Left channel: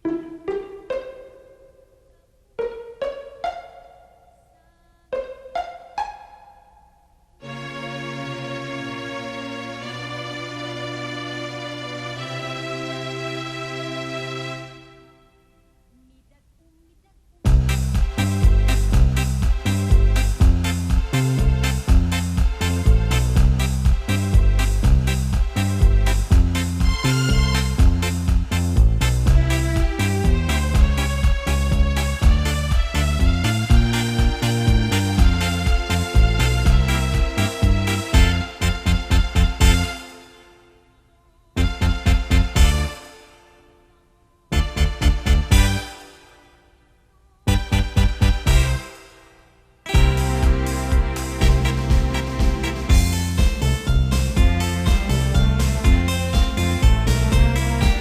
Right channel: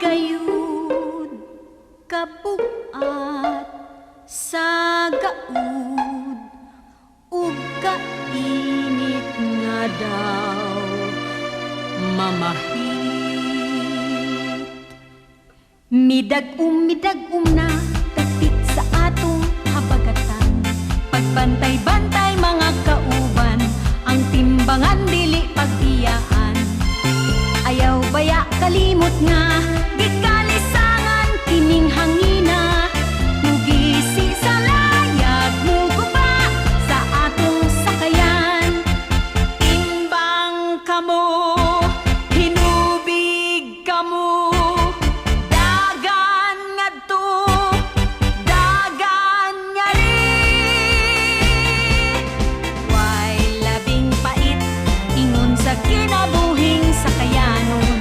gayud kabuat sa gaud ug kainit nga daw mamahit. Midag-um na tapit sa atong habagatan, pagbantay-bantay mga kauban, ang timbangan dili pag-iyahan. Ayaw baya kalimot nga gikalisangan kining hangina, mugisi sa layag muguba sa atong sakayan. Timbang kamo, hinubig kamo, dagan ngadto, dagan nga rin. Way labing pait ingon sa kinabuhing sakayanon.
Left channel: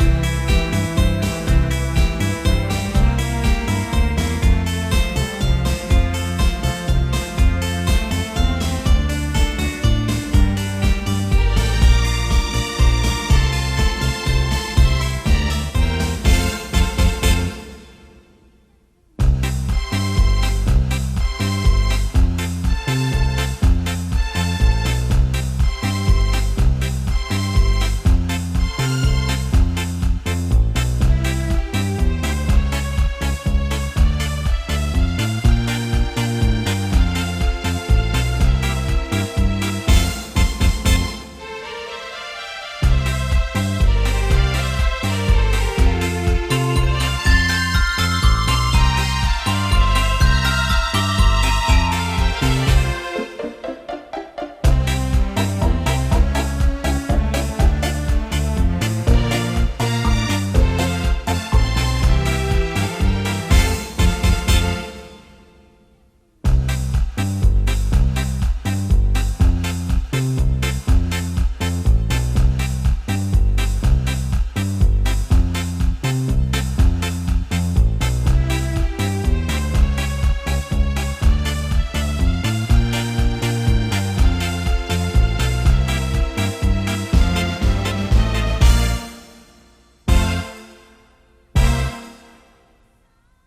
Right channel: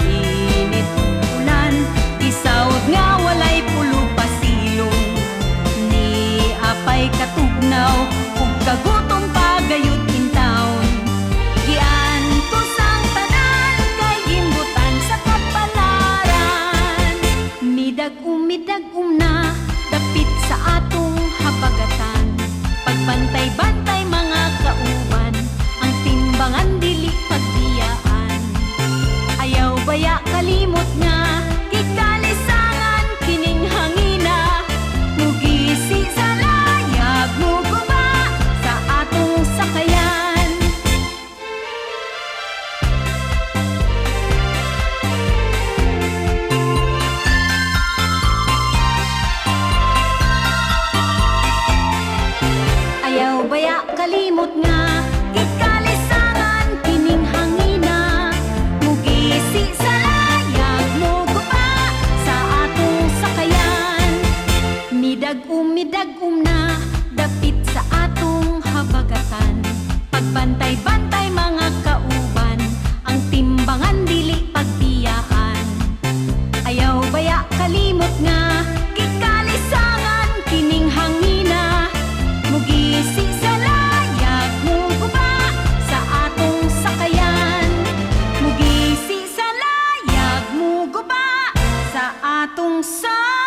Init ulan, isawd nga walay pulog pasilong. Ni apay katugnaw ug kagutom pagayud intawon. Giantos ang tanan kay ginbutan sa kapalaran. Midag-um na dapit sa atong habagatan, pagbantay-bantay mga kauban, ang timbangan dili pagbiyaan. Ayaw baya kalimot nga gikalisangan kining hangina, mugisi sa layag muguba sa atong sakayan. Ayaw baya kalimot nga gikalisangan kining hangina, mugisi sa layag muguba sa atong sakayan. Midag-um na dapit sa atong habagatan, pagbantay-bantay mga kauban, ang timbangan dili pagbiyaan. Ayaw baya kalimot nga gikalisangan kining hangina, mugisi sa layag muguba sa atong sakayan. Mugisi sa layag muguba sa atong sakayan.